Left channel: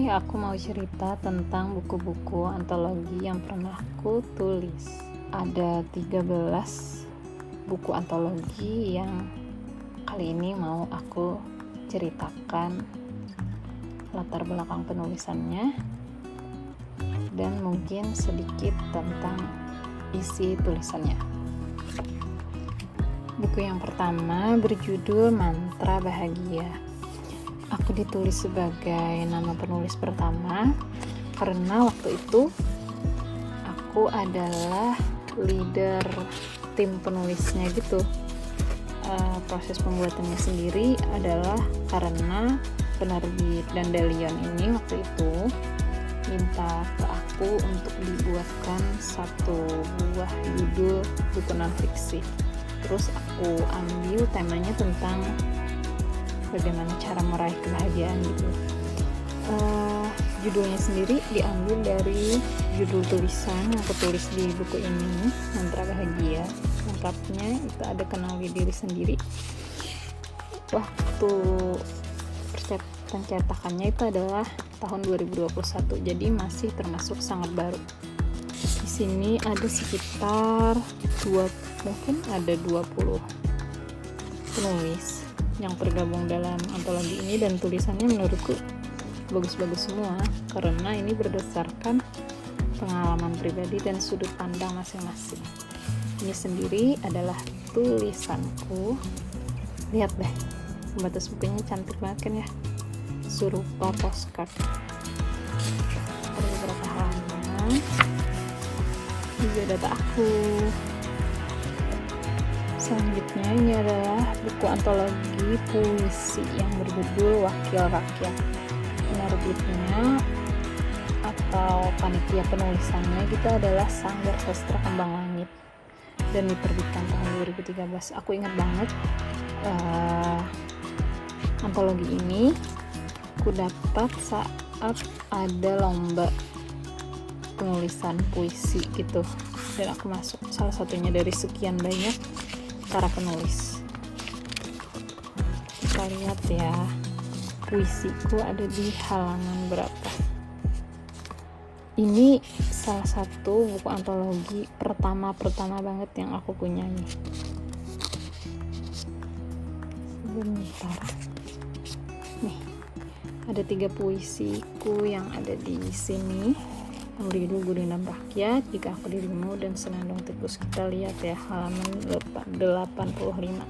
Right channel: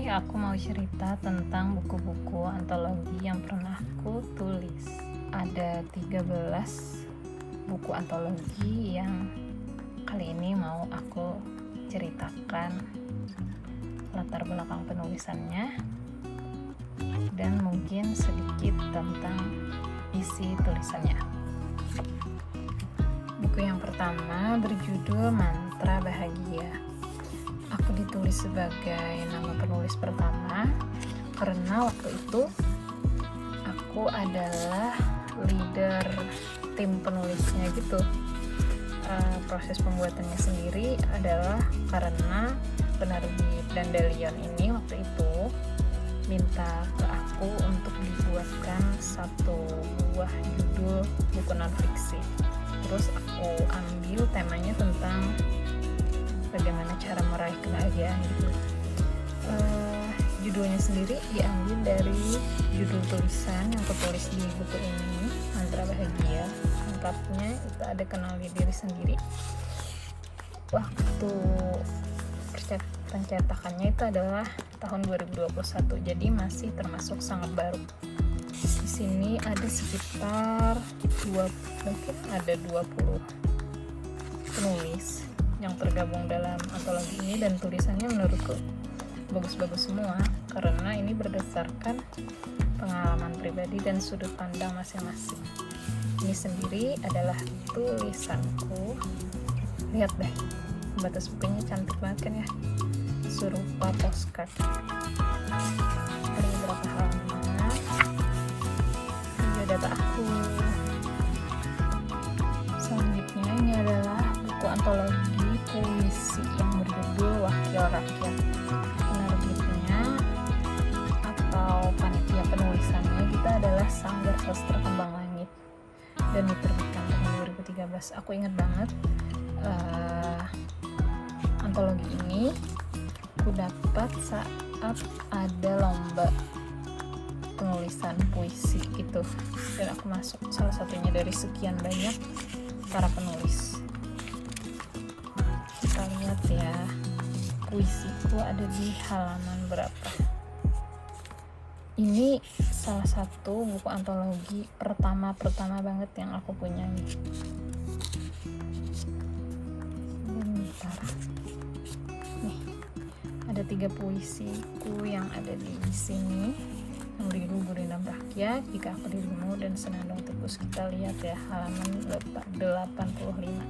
Hai, aku mau cerita tentang buku-buku antologi yang pernah aku tulis. Ada 13 buku antologi yang kali ini mau aku ceritakan latar belakang penulisannya dan mungkin sedikit tentang isi tulisannya. Buku yang pertama berjudul Mantra Bahagia. Aku ditulis sebagai nama penulis pertama karena waktu itu aku adalah leader tim penulisnya gitu. Proses pembuatannya sendiri adalah karena penerbit Dandelion ini waktu itu minta ke aku untuk dibuatkan satu buah judul buku non-fiksi. Terus aku ambil temanya tentang bagaimana cara meraih kebahagiaan gitu. Judulnya sendiri diambil dari judul tulisan aku tulis di buku ini, Mantra Bahagia. Lengkapnya itu ada kenali diri sendiri. Waktu pencetakannya itu adalah tahun 2021, jadi masih termasuk sangat baru. Di sini ada sekitar 20 penulis yang tergabung dalam antologi ini, dan tulisannya menurutku bagus-bagus semua karena ini berdasarkan pengalaman pribadi dan sudut pandang masing-masing. Ini sendiri adalah tulisanku. Lihat deh, pembatas bukunya cantik banget kan ya, serupa postcard. Ada beberapa halaman, ini data aku. Selanjutnya ini adalah buku antologi puisi yang berjudul Wakil Rakyat. Penerbitnya atau panitia penulisannya itu adalah Sanggar Sastra Kembang Langit dan diterbitkan tahun 2013. Aku ingat banget antologi ini aku dapat saat ada lomba penulisan puisi gitu, dan aku masuk salah satunya dari sekian banyak para penulis. Kita lihat ya, puisiku ada di halaman berapa. Ini salah satu buku antologi pertama banget yang aku punya nih. Nih, ada 3 puisiku yang ada di sini. Berjudul Gurindam Rakyat, Jika Aku Dirimu, dan Senandung Tikus. Kita lihat ya, halaman 85.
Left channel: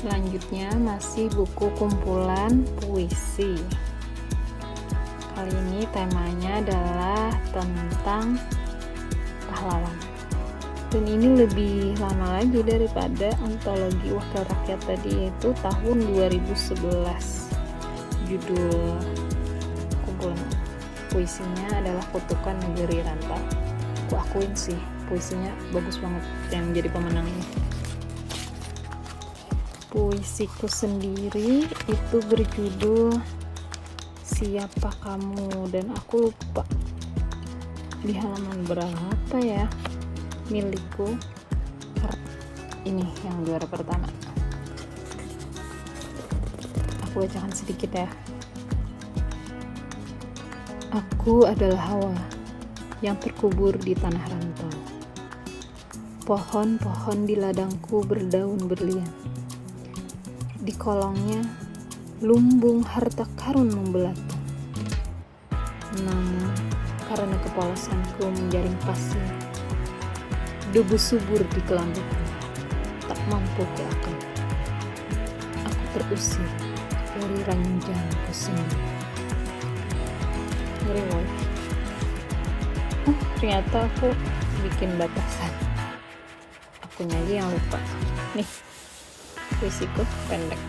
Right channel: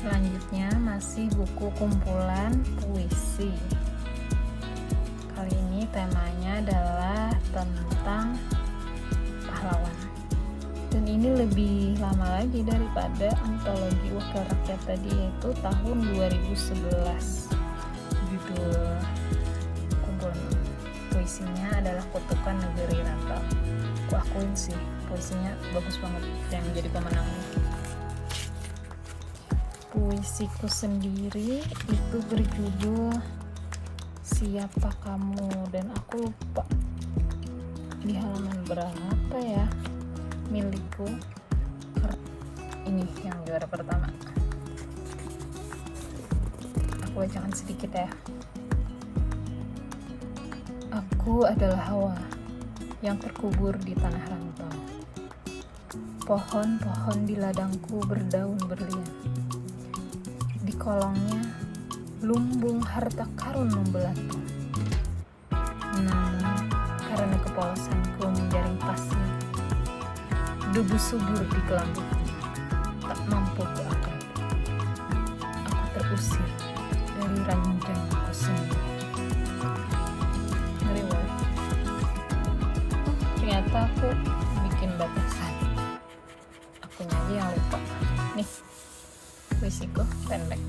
Selanjutnya masih buku kumpulan puisi. Kali ini temanya adalah tentang pahlawan. Dan ini lebih lama lagi daripada antologi Wakil Rakyat tadi, yaitu tahun 2011. Judul kumpulan puisinya adalah Kutukan Negeri Rantau. Aku akuin sih, puisinya bagus banget yang menjadi pemenangnya. Puisiku sendiri itu berjudul Siapa Kamu, dan aku lupa di halaman berapa ya. Milikku ini yang juara pertama. Aku bacakan sedikit ya. Aku adalah Hawa yang terkubur di tanah rantau. Pohon-pohon di ladangku berdaun berlian. Di kolongnya lumbung harta karun membelatu. Namun karena kepolosanku menggaring pasir, debu subur di kelambuku tak mampu kuakan. Aku terusir dari ranjangku sendiri. Ternyata aku bikin batasan. Aku aja yang lupa. Nih, puisiku pendek.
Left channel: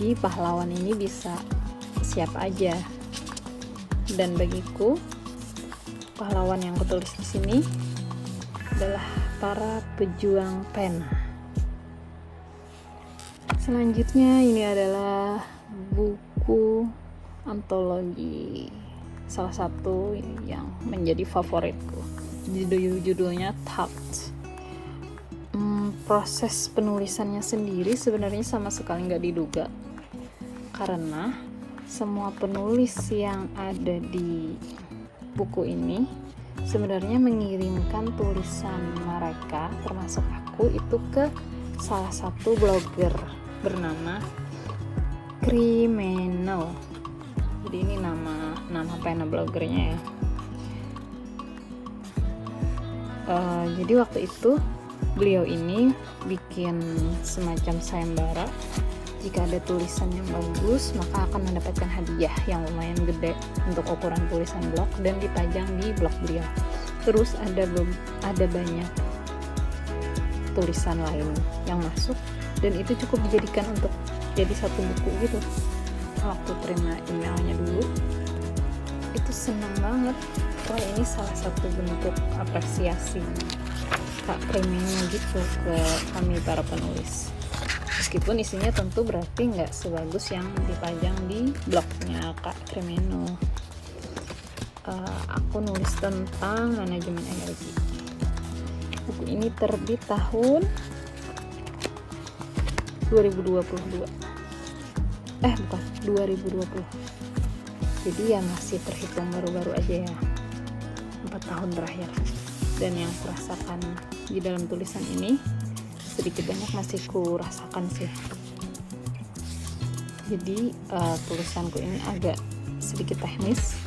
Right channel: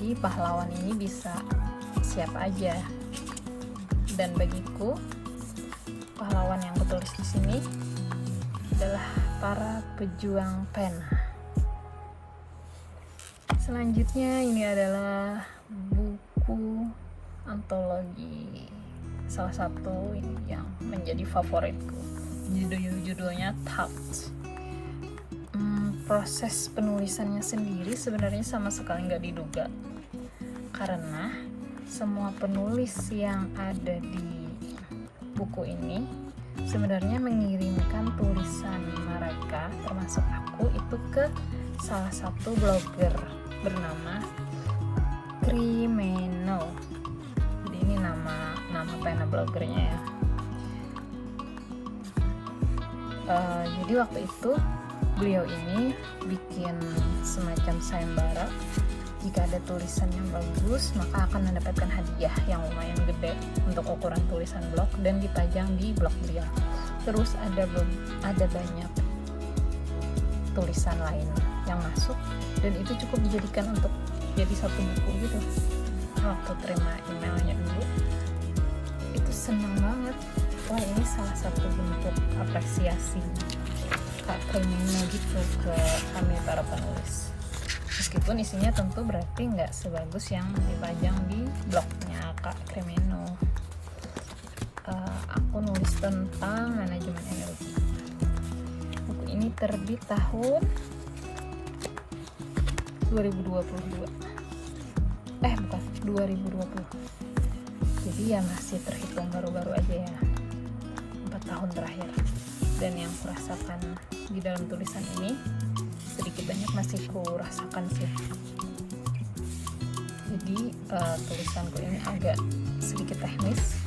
Jadi pahlawan ini bisa siapa aja, Dan bagiku pahlawan yang kutulis di sini adalah para pejuang pena. Selanjutnya ini adalah buku antologi, salah satu yang menjadi favoritku. Judulnya Tapped. Proses penulisannya sendiri sebenarnya sama sekali nggak diduga, karena semua penulis yang ada di buku ini sebenarnya mengirimkan tulisan mereka, termasuk aku, itu ke salah satu blogger bernama Criminal. Jadi ini nama pena blogernya ya. Jadi waktu itu beliau ini bikin semacam sayembara, jika ada tulisan yang bagus maka akan mendapatkan hadiah yang lumayan gede untuk ukuran tulisan blog dan dipajang di blog beliau. Terus ada banyak tulisan lain yang masuk dan itu cukup dijadikan untuk jadi satu buku gitu. Waktu terima emailnya dulu itu senang banget. Wah, ini salah satu bentuk apresiasi Kak Criminal gitu ke kami para penulis. Meskipun isinya tentu berarti nggak sebagus yang dipajang di blognya Kak Criminal. Aku nulis tentang manajemen energi. Buku ini terbit tahun 2022. Bukan, 2020. Jadi yang masih terhitung baru-baru aja ya, 4 tahun terakhir. Dan yang kurasakan di dalam tulisan ini sedikit banyak masih kurasakan sih. Jadi tulisanku ini agak sedikit teknis,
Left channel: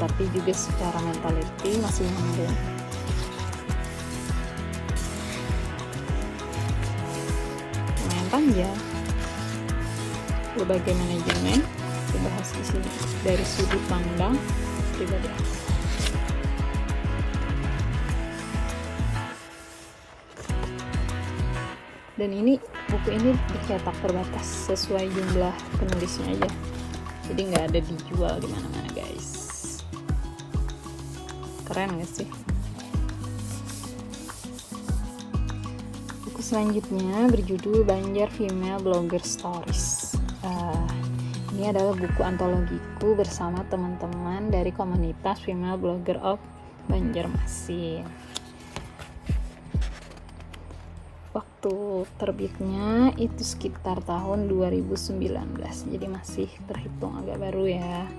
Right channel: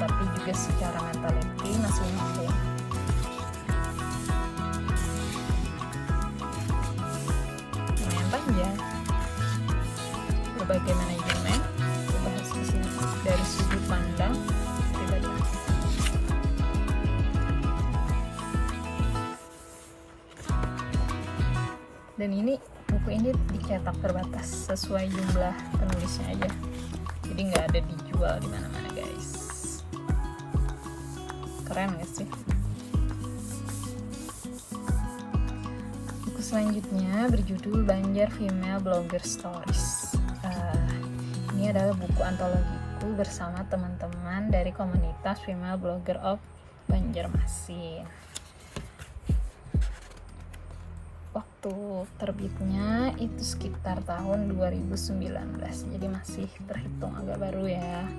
tapi juga secara mentality masih nyambung. Lumayan panjang. Berbagai manajemen dibahas di sini dari sudut pandang pribadi. Dan ini buku ini dicetak terbatas sesuai jumlah penulisnya aja, jadi nggak ada dijual di mana-mana guys. Keren gak sih? Buku selanjutnya berjudul Banjar Female Blogger Stories. Ini adalah buku antologiku bersama teman-teman dari komunitas Female Blogger of Banjarmasin. Waktu terbitnya itu sekitar tahun 2019, jadi masih terhitung agak baru ya.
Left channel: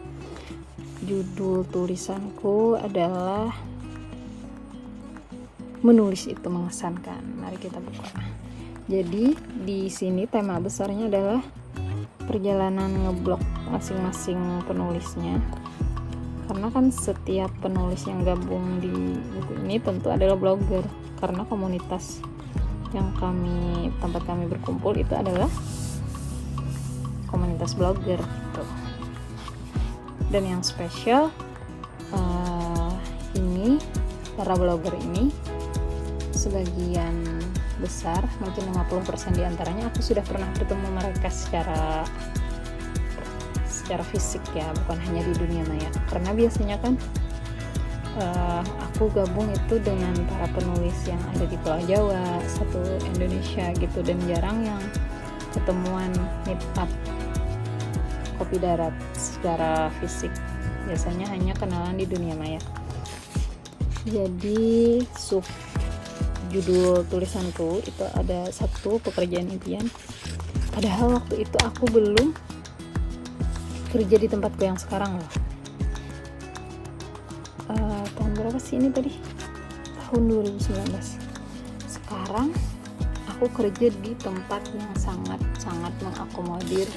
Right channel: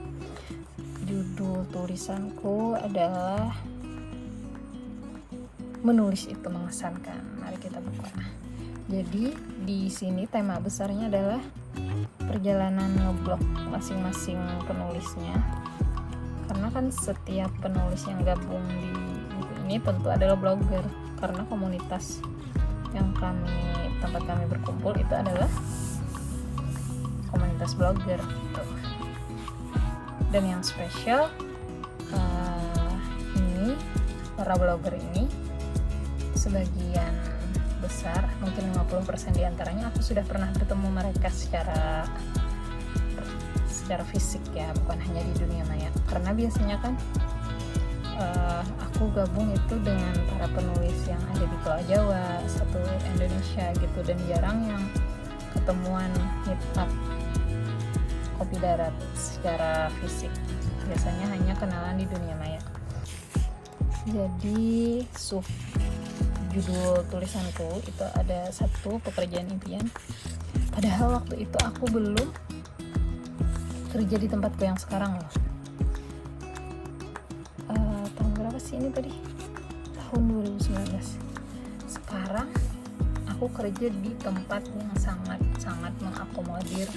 Judul tulisanku adalah Menulis Itu Mengesankan. Mari kita buka. Jadi di sini tema besarnya adalah perjalanan ngeblog masing-masing penulisnya, karena kan setiap penulis yang gabung di buku ini tentu adalah blogger, karena komunitas yang tempat kami berkumpul itu adalah komunitas blogger gitu. Dan yang spesial ini para blogger ini sebagian besar, mungkin 50% diantaranya aku sudah pernah ketemu mereka secara fisik ya, bukan hanya di dunia maya. Karena biasanya kan aku gabung itu dengan para penulis yang ada di Pulau Jawa, satu Indonesia gitu, dan jarang yang ketemuan meet up kopi darat secara fisik. Biasanya hanya kenalan di dunia maya. Jadi judul tulisanku itu ada satu, pekerjaan impian. Padahal waktu itu aku belum kerja di tempatku yang sekarang loh. Tahun berapa sih ini tadi? Tahun 2019. Sekarang aku kerja di tempat yang sangat mengakomodir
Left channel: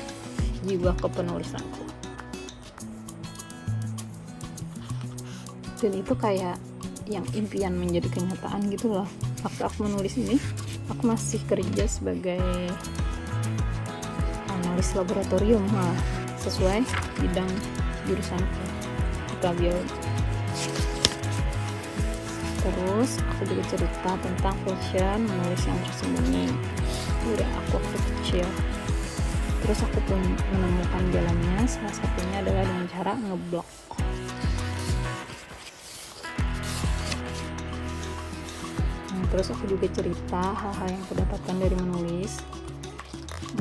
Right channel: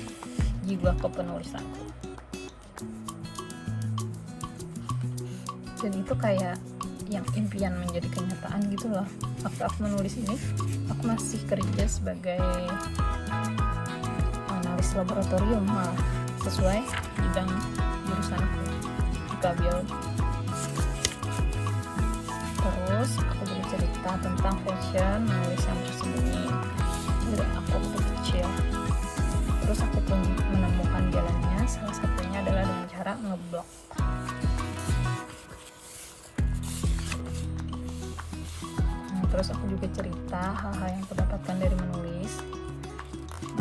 jiwa kepenulisanku. Dan itu kayak yang impian menjadi kenyataan gitu loh. Waktu aku menulis ini, aku masih kerja sebagai analis laboratorium sesuai bidang jurusan biologi. Terus aku bercerita tentang fashion menulis yang tersembunyi dari aku waktu kecil. Terus aku pun menemukan jalannya, salah satunya adalah dengan cara ngeblok. Terus aku juga cerita hal-hal yang aku dapatkan dari menulis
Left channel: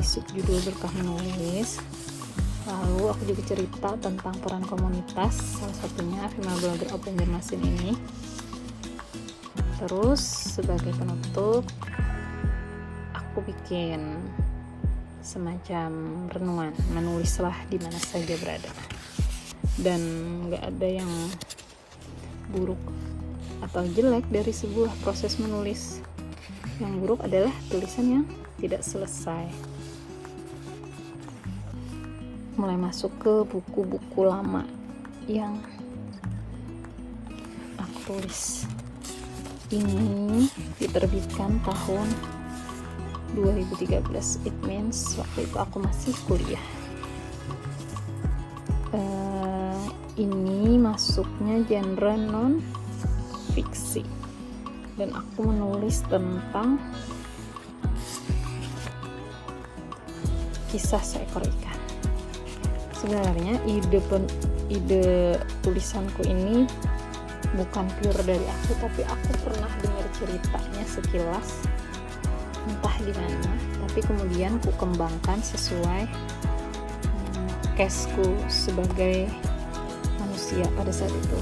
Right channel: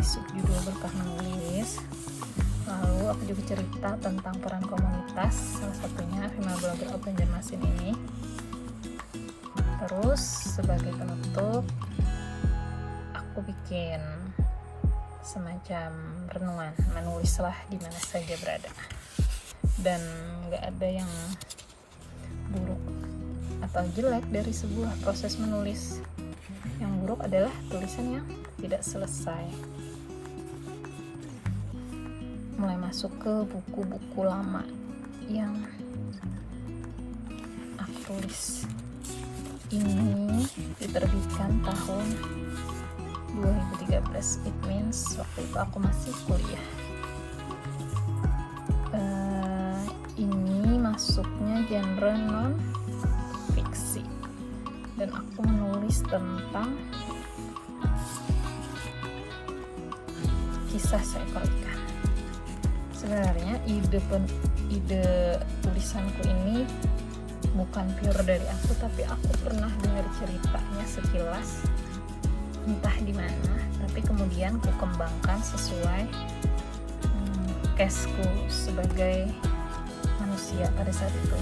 di subjudul berkah menulis. Lalu aku juga cerita tentang peran komunitas, salah satunya Female Blogger of Banjarmasin ini. Terus sebagai penutup aku bikin semacam renungan, menulislah di mana saja berada, dan gak ada yang buruk atau jelek dari sebuah proses menulis. Yang buruk adalah tulisan yang tidak selesai, mulai masuk ke buku-buku lama yang aku tulis. Ini diterbitkan tahun 2013, it means waktu itu aku masih kuliah. Ini masuknya genre non fiksi, dan aku menulis tentang kisah seekor ikan. Sebenarnya ide tulisanku ini bukan pure dari aku, tapi aku pernah dengar ceritanya sekilas entah di mana, tapi kemudian ku kembangkan sesuai case-ku sebagai manusia pada saat itu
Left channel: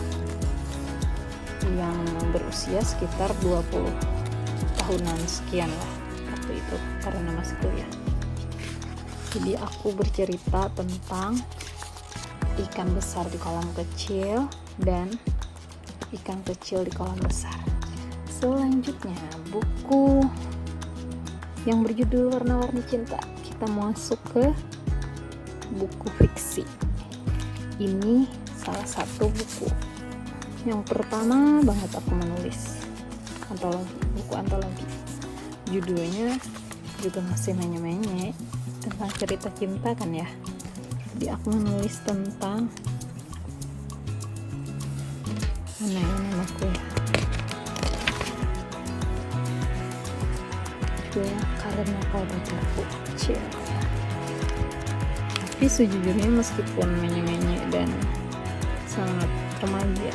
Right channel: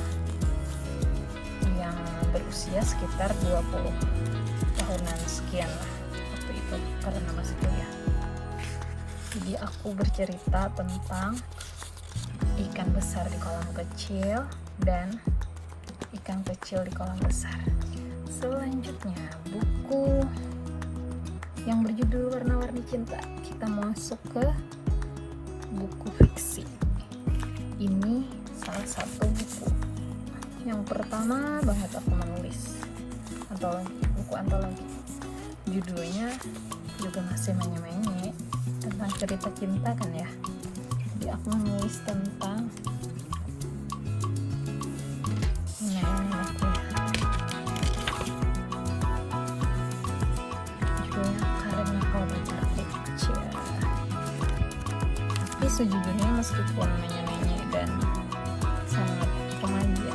yang berusia sekitar 20 tahunan sekian waktu itu karena masih kuliah. Jadi aku bercerita tentang ikan besar di kolam kecil dan ikan kecil di kolam besar. Selanjutnya buku yang berjudul Warna-Warni Cinta, kita masuk ke buku fiksi. Ini salah satu buku yang pertama banget aku menulis, atau buku antologi. Judulnya juga masih menye-menye, tentang cerita cinta kan ya. Jadi aku menulis tentang anakku itu karena kalau kecil. Tapi sejujurnya meskipun menye-menye dan sangat remaja,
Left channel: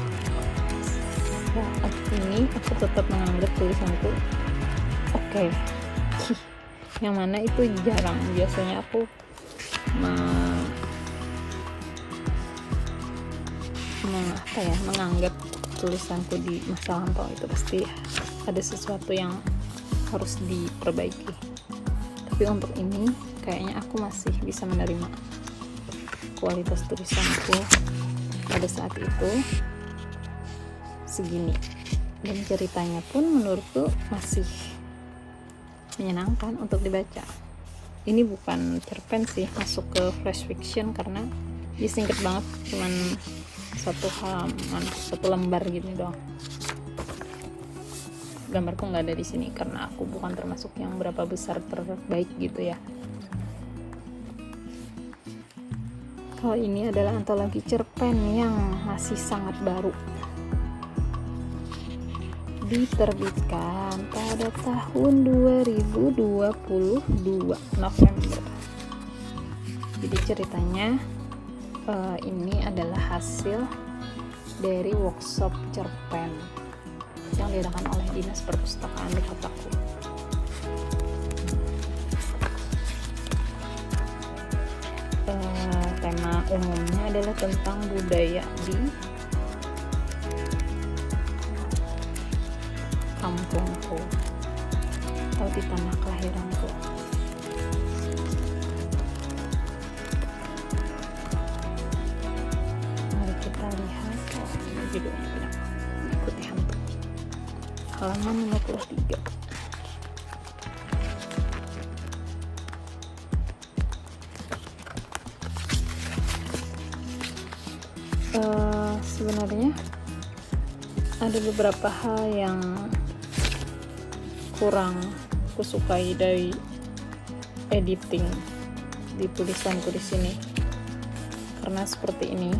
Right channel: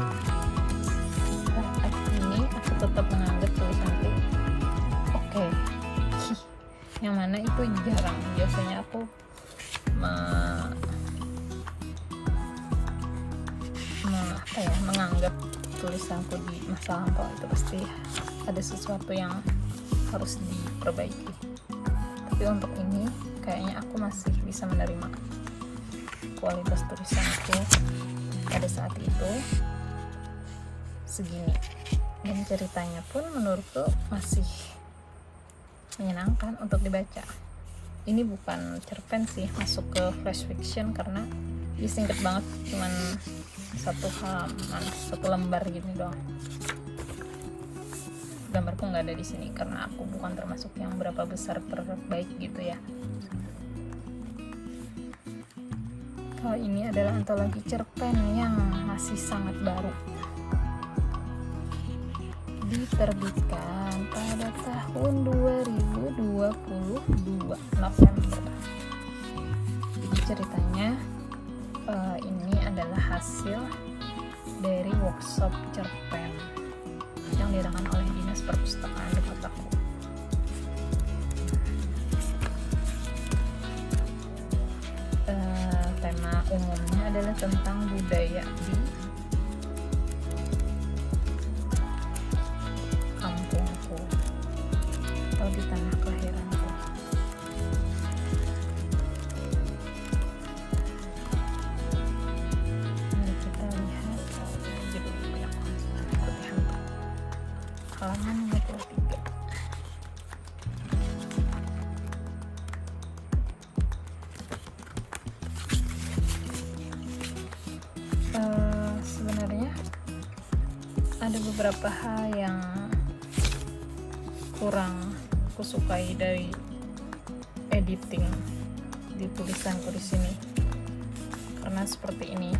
ini aku tetap menganggap tulisan itu oke. Yang mana itu jarang, biasanya aku menganggap tulisanku di masa lampau itu pasti ada sesuatu yang harus diperbaiki. Tapi untuk ini kayaknya aku masih bisa menerima kualitas tulisanku pada saat itu segini, dan ceritanya pun menurutku masih menyenangkan untuk dibaca. Ini bukan cerpen sih, masuk ke flash fiction karena dia singkat banget, cuman satu lembar gitu doang. Gambarku nggak ada di sini karena aku bukan termasuk yang berapa besar terbaik gitu ya. Kalau ini adalah antologi cerpen yang masih sangat baru, diterbitkan pada tahun 2022 November. Jadi ceritanya ini adalah hasil dari workshop cerpen yang dilakukan oleh Dinas Perpustakaan di kotaku. Tema umumnya adalah tentang budaya di kampungku atau di tanah kelahiranku. Mari kita lihat judulnya. Halaman 53. Sebenarnya ada beberapa hal yang kurang aku sukai dari editing di tulisanku di sini, karena seperti ini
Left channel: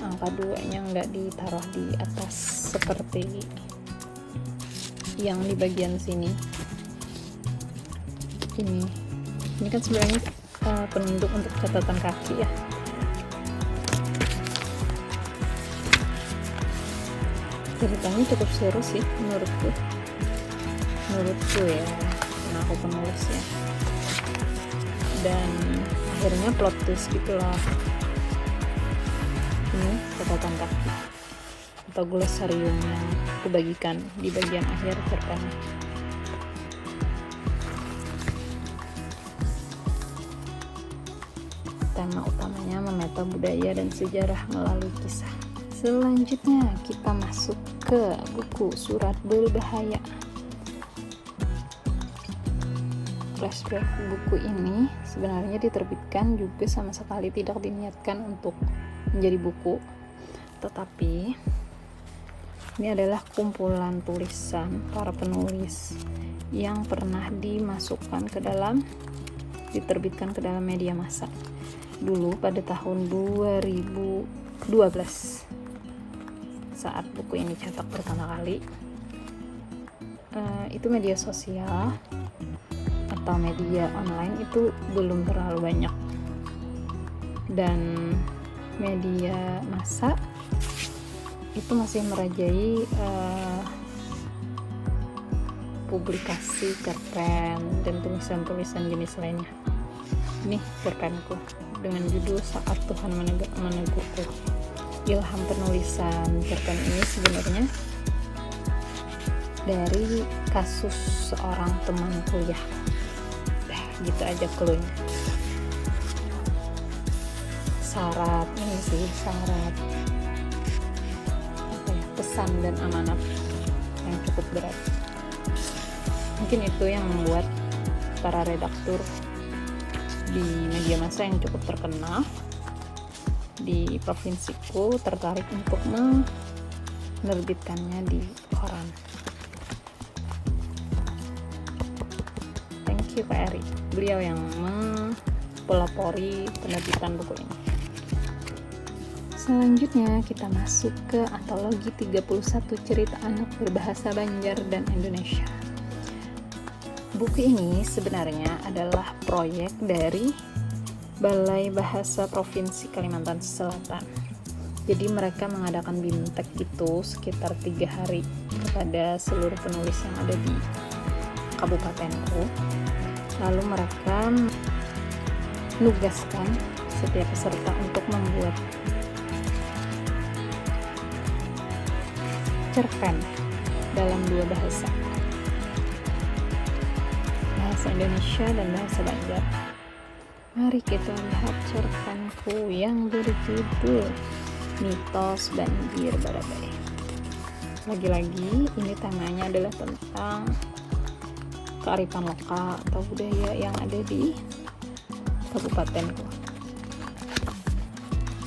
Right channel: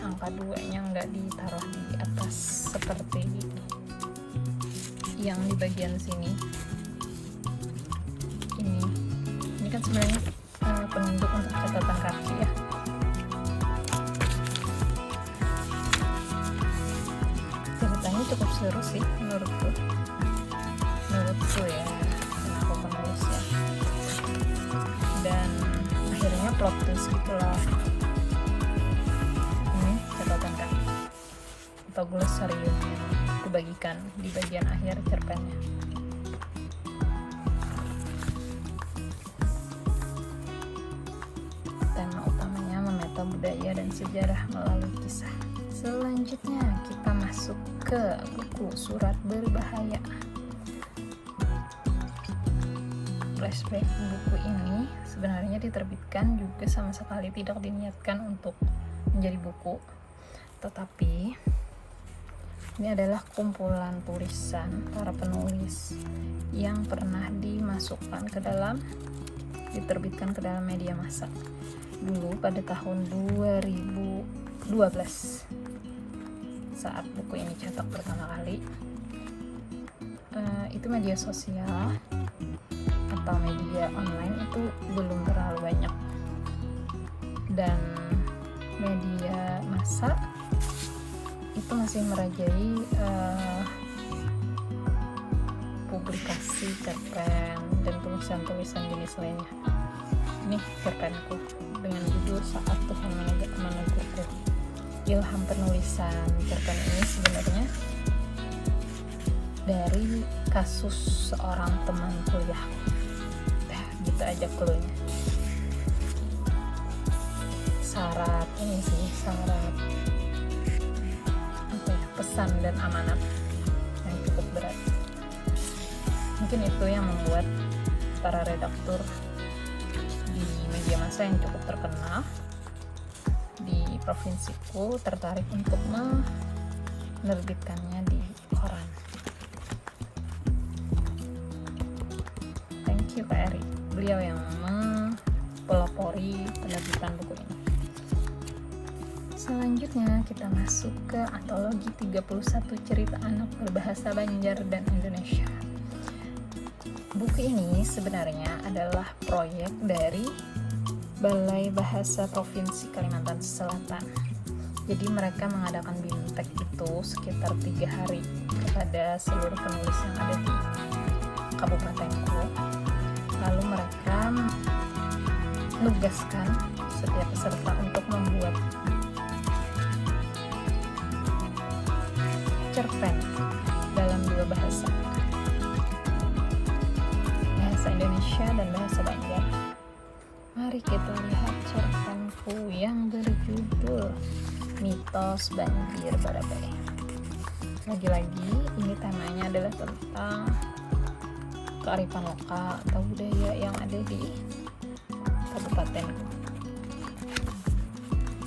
angka 2-nya nggak ditaruh di atas seperti yang di bagian sini. Ini kan sebenarnya penunjuk untuk catatan kaki ya. ini cukup seru sih menurutku ya, aku penulis ya. Dan akhirnya plot twist gitu lah. Ini catatan kaki atau glosarium yang aku bagikan di bagian akhir cerpen. Tema utamanya menata budaya dan sejarah melalui kisah. Selanjutnya kita masuk ke buku Surat Berbahaya. Flashback buku ini sebenarnya diterbitkan juga sama sekali tidak diniatkan untuk menjadi buku, tetapi ini adalah kumpulan tulisan para penulis yang pernah diterbitkan ke dalam media massa dulu pada tahun 2012 saat buku ini cetak pertama kali. Itu media sosial atau media online itu belum terlalu banyak, dan media massa itu masih merajai publikasi cerpen dan tulisan-tulisan jenis lainnya. Ini cerpenku dengan judul Saat Tuhan Menyebutku. Ilham penulisan cerpen ini sebenarnya dari kasus seorang teman kuliah. Gitu aja cluenya. Syarat pesan dan amanat yang cukup berat. Mungkin itu yang membuat para redaktur di media massa yang cukup terkenal di provinsiku tertarik untuk menerbitkannya di koran. Thank you Pak Eri, beliau yang pelopori penerbitan buku ini. Selanjutnya kita masuk ke antologi 31 cerita anak berbahasa Banjar dan Indonesia. Buku ini sebenarnya adalah proyek dari Balai Bahasa Provinsi Kalimantan Selatan. Jadi mereka mengadakan bimtek itu sekitar 3 hari pada seluruh penulis yang ada di kabupatenku. Lalu mereka menugaskan setiap peserta untuk membuat cerpen dalam 2 bahasa Indonesia dan bahasa Banjar. Mari kita lihat cerpenku yang berjudul Mitos Banjir Barabai. Lagi-lagi ini temanya adalah tentang kearifan lokal atau budaya yang ada di kabupatenku.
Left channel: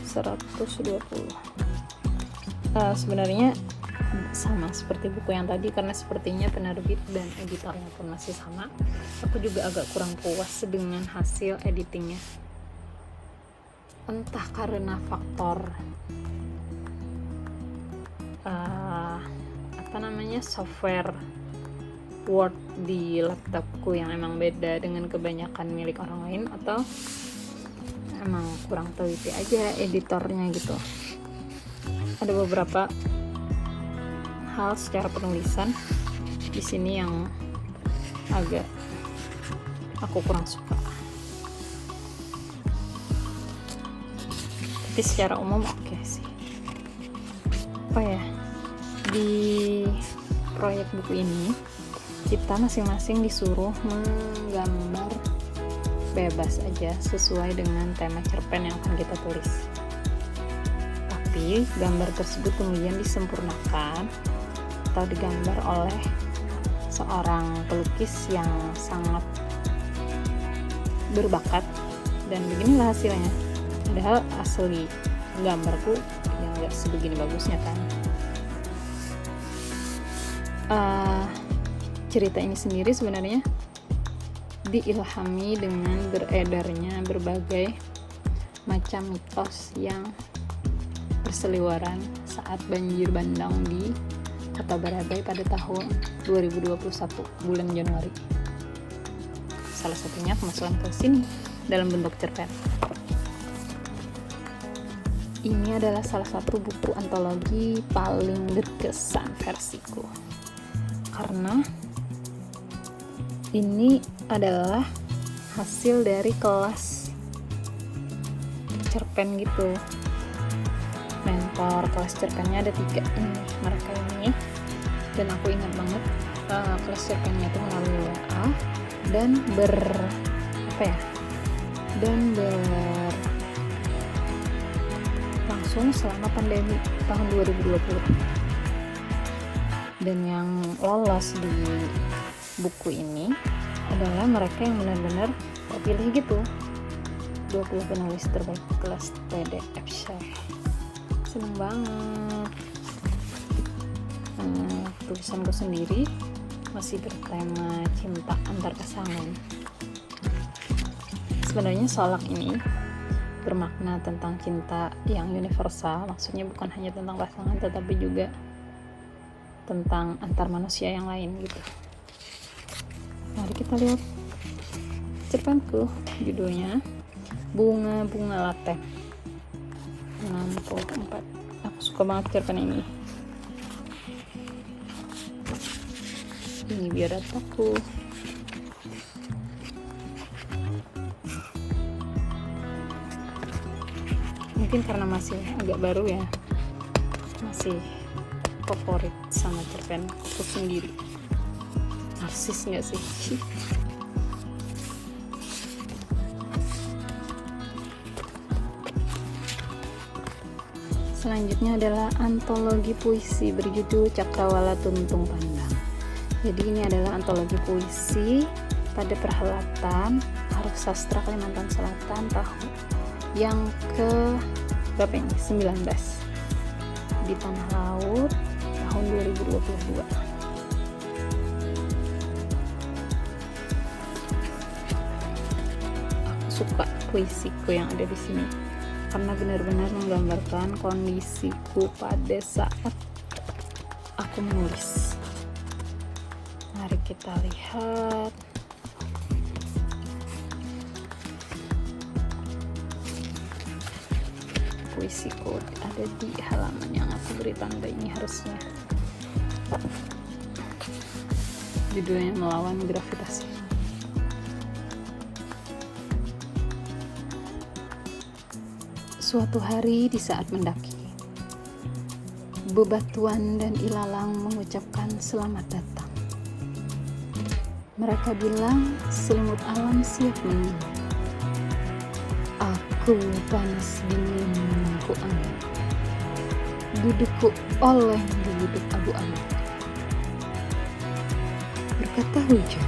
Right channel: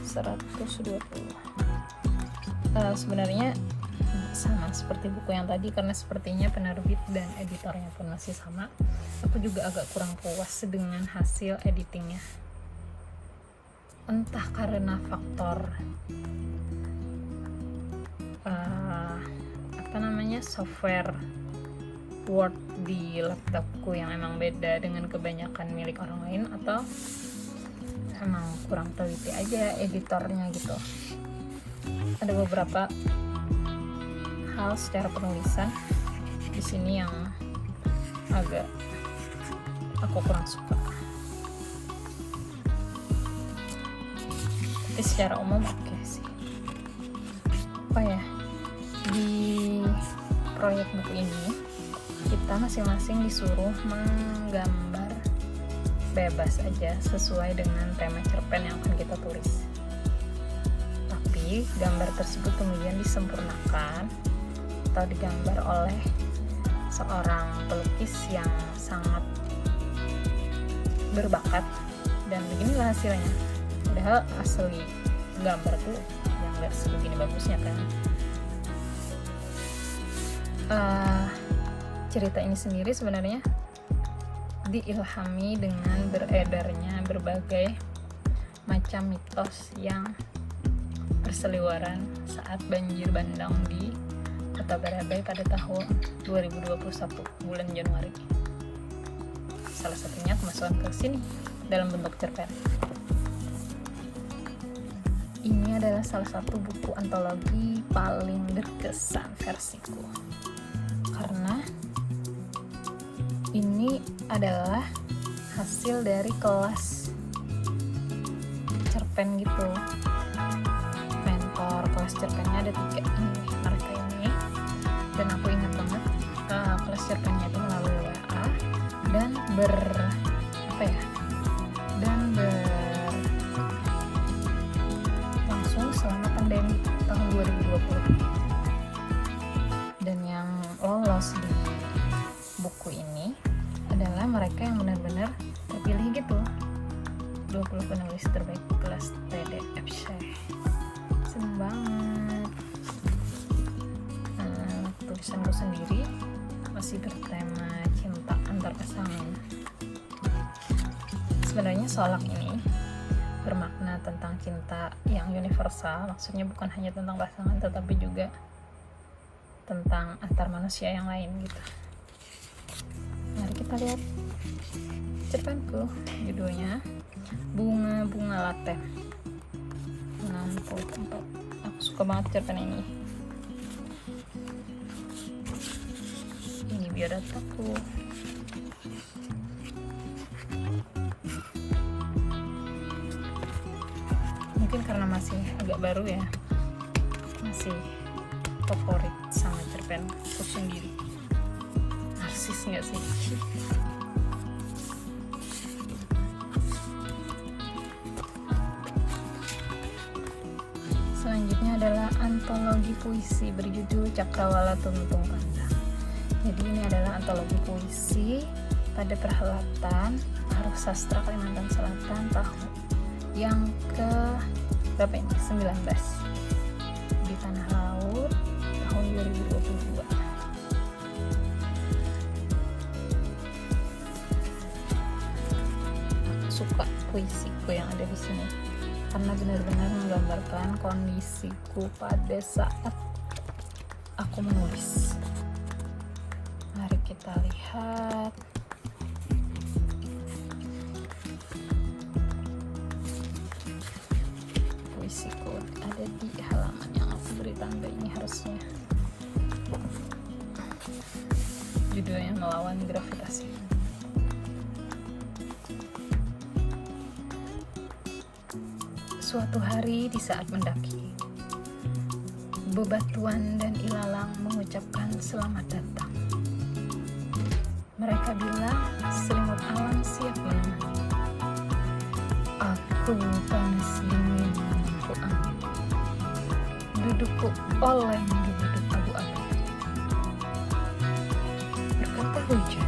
120. Sebenarnya sama seperti buku yang tadi, karena sepertinya penerbit dan editornya pun masih sama. Aku juga agak kurang puas dengan hasil editingnya, entah karena faktor software Word di laptopku yang emang beda dengan kebanyakan milik orang lain, atau emang kurang teliti aja editornya gitu. Ada beberapa hal secara penulisan di sini yang agak aku kurang suka. Tapi secara umum oke sih. Apa ya, di proyek buku ini kita masing-masing disuruh menggambar bebas aja sesuai dengan tema cerpen yang akan kita tulis. Tapi gambar tersebut kemudian disempurnakan atau digambar oleh seorang pelukis yang sangat berbakat, dan beginilah hasilnya. Padahal asli gambarku nggak sebegini bagusnya kan. Cerita ini sendiri sebenarnya diilhami dengan beredarnya berbagai macam mitos yang berseliweran saat banjir bandang di Kota Barabai pada tahun 2021 bulan Januari. Salah satunya kemasukan ke sini dalam bentuk cerpen. Ini adalah adalah salah satu buku antologi paling berkesan versiku, karena ini adalah hasil dari kelas cerpen gitu. Mentor kelas cerpennya ada 3 mereka ini, dan aku ingat banget kelas cerpennya itu melalui WA dan langsung seangkatan dari tahun 2020. Dan yang lolos di buku ini adalah mereka yang benar-benar terpilih gitu, 20 penulis terbaik kelas PDF. Seneng banget. Tulisanku sendiri masih bertema cinta antar pasangan. Sebenarnya Solak ini bermakna tentang cinta yang universal, maksudnya bukan hanya tentang pasangan tetapi juga tentang antar manusia yang lain gitu. Mari kita lihat cerpenku, judulnya Bunga-bunga Latte. Aku suka banget cerpen ini biodataku. Mungkin karena masih agak baru ya, masih favorit sama cerpen aku sendiri. Narsis nggak sih? Selanjutnya adalah antologi puisi berjudul Cakrawala Tuntung Panjang. Jadi ini adalah antologi puisi pada perhelatan Karya Sastra Kalimantan Selatan tahun yang ke-19 di Tanah Laut tahun 2022. Suka puisiku yang ada di sini karena benar-benar menggambarkan kondisiku pada saat aku menulis. Mari kita lihat. Puisiku ada di halaman yang aku beri tanda ini harusnya. Judulnya Melawan Gravitasi. Suatu hari di saat mendaki, bebatuan dan ilalang mengucapkan selamat datang. Mereka bilang selimut aman siap menunggu. Aku panas dingin ku angkat, dudukku oleh di bibit abu-abu. Berkata hujan,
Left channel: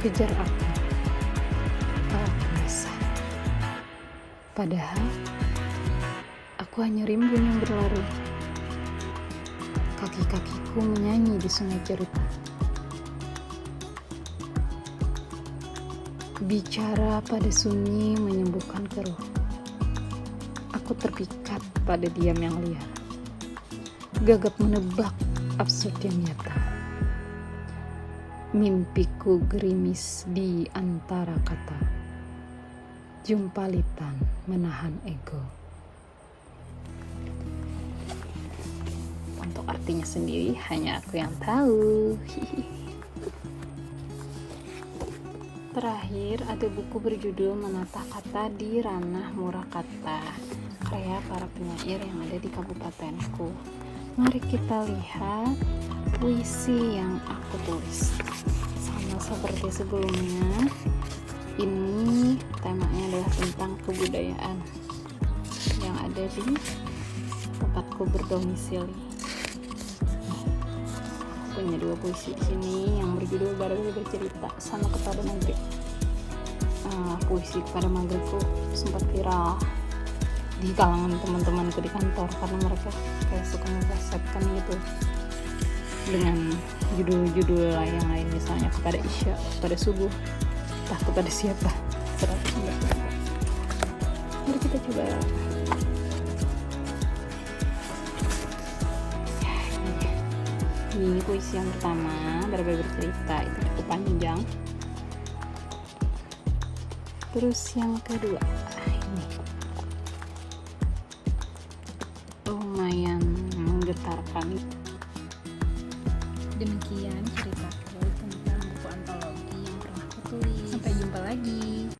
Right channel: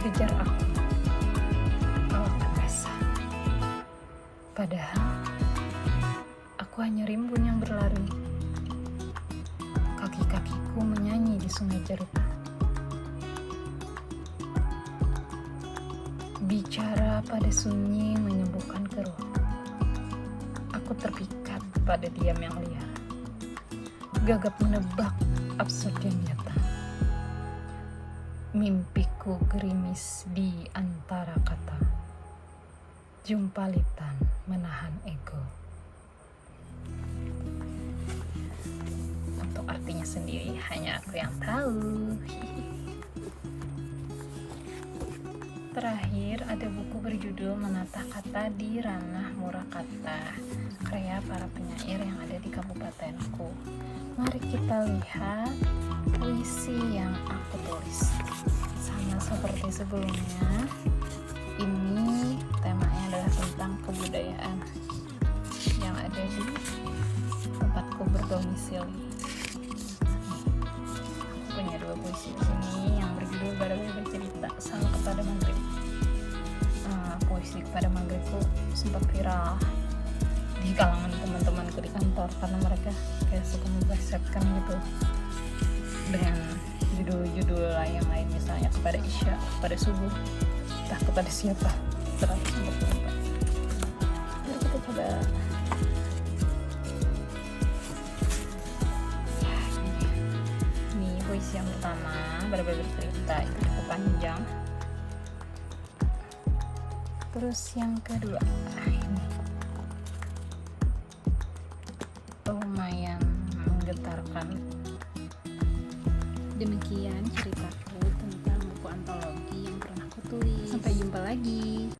kejar aku. Padahal aku hanya rimbun yang berlari. Kaki-kakiku menyanyi di sungai cerita. Bicara pada sunyi menyembuhkan keruh. Aku terpikat pada diam yang liar. Gagap menebak absurdnya nyata. Mimpiku gerimis di antara kata. Jumpalitan menahan ego. Untuk artinya sendiri hanya aku yang tahu. Terakhir ada buku berjudul Menata Kata di Ranah Murakata, karya para penyair yang ada di kabupatenku. Mari kita lihat puisi yang aku tulis. Sama seperti sebelumnya, ini temanya adalah tentang kebudayaan yang ada di tempatku berdomisili. Punya 2 puisi ini yang berjudul Baru Bercerita sama Kepada Mage. Puisi Kepada Mageku sempat viral di kalangan teman-temanku di kantor karena mereka kayak suka ngebasetkan gitu dengan judul-judul yang lain, misalnya kepada Isya, kepada subuh, kepada siapa. Mari kita coba. Ini puisi yang pertama, Baru Bercerita, itu panjang. Terus yang kedua, lumayan menggetarkan. Demikian ceritaku tentang buku antologi yang pernah aku tulis. Sampai jumpa lagi.